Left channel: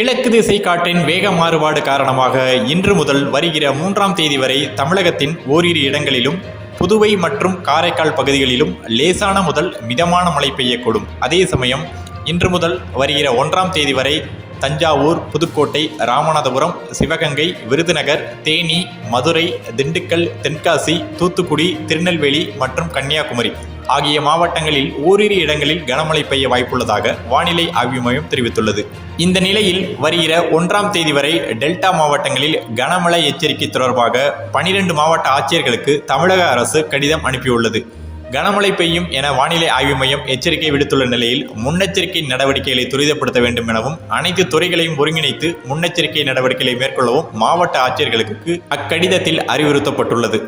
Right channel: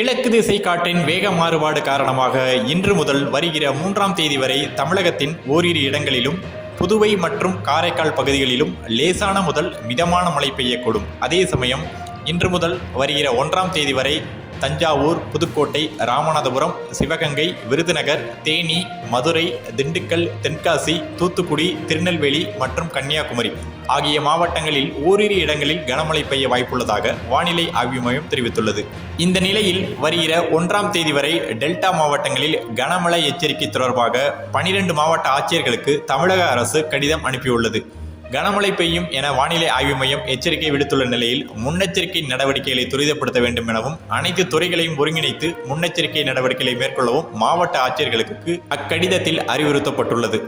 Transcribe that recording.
கிழக்கு திசை காற்றின் வேக மாறுபாடு காரணமாக இன்று முதல் வருகிற 3ஆம் தேதி வரை தமிழகத்தின் ஓரிரு இடங்களிலும் புதுவை மற்றும் காரைக்கால் பகுதிகளிலும் லேசான முதல் மிதமான மழை பெய்யக்கூடும். அதே சமயம் இன்று முதல் வருகிற 1ஆம் தேதி வரை தஞ்சாவூர், புதுக்கோட்டை, ராமநாதபுரம், சிவகங்கை, விருதுநகர், தேனி, மதுரை, திண்டுக்கல், தென்காசி, தூத்துக்குடி, திருநெல்வேலி மற்றும் கன்னியாகுமரி ஆகிய மாவட்டங்களில் ஓரிரு இடங்களில் கனமழை பெய்ய வாய்ப்புள்ளதாக வானிலை ஆய்வு மையம் தெரிவித்துள்ளது. இந்த நிலையில் வருகிற 1ஆம் தேதி வரை டெல்டா மாவட்டங்களில் கனமழை எச்சரிக்கை தொடர்பாக 12 மாவட்ட ஆட்சியர்களுக்கு தமிழக அரசு கடிதம் அனுப்பியுள்ளது. கனமழை பெய்யும் என வானிலை ஆய்வு மையம் எச்சரிக்கை விடுத்துள்ள நிலையில் முன்னெச்சரிக்கை நடவடிக்கைகளை துரிதப்படுத்த வேண்டும் எனவும் அனைத்து துறைகளையும் ஒருங்கிணைத்து முன்னெச்சரிக்கை நடவடிக்கைகளை மேற்கொள்ளவும் மாவட்ட ஆட்சியர்களுக்கு அக்கடிதத்தில் அறிவுறுத்தப்பட்டுள்ளது.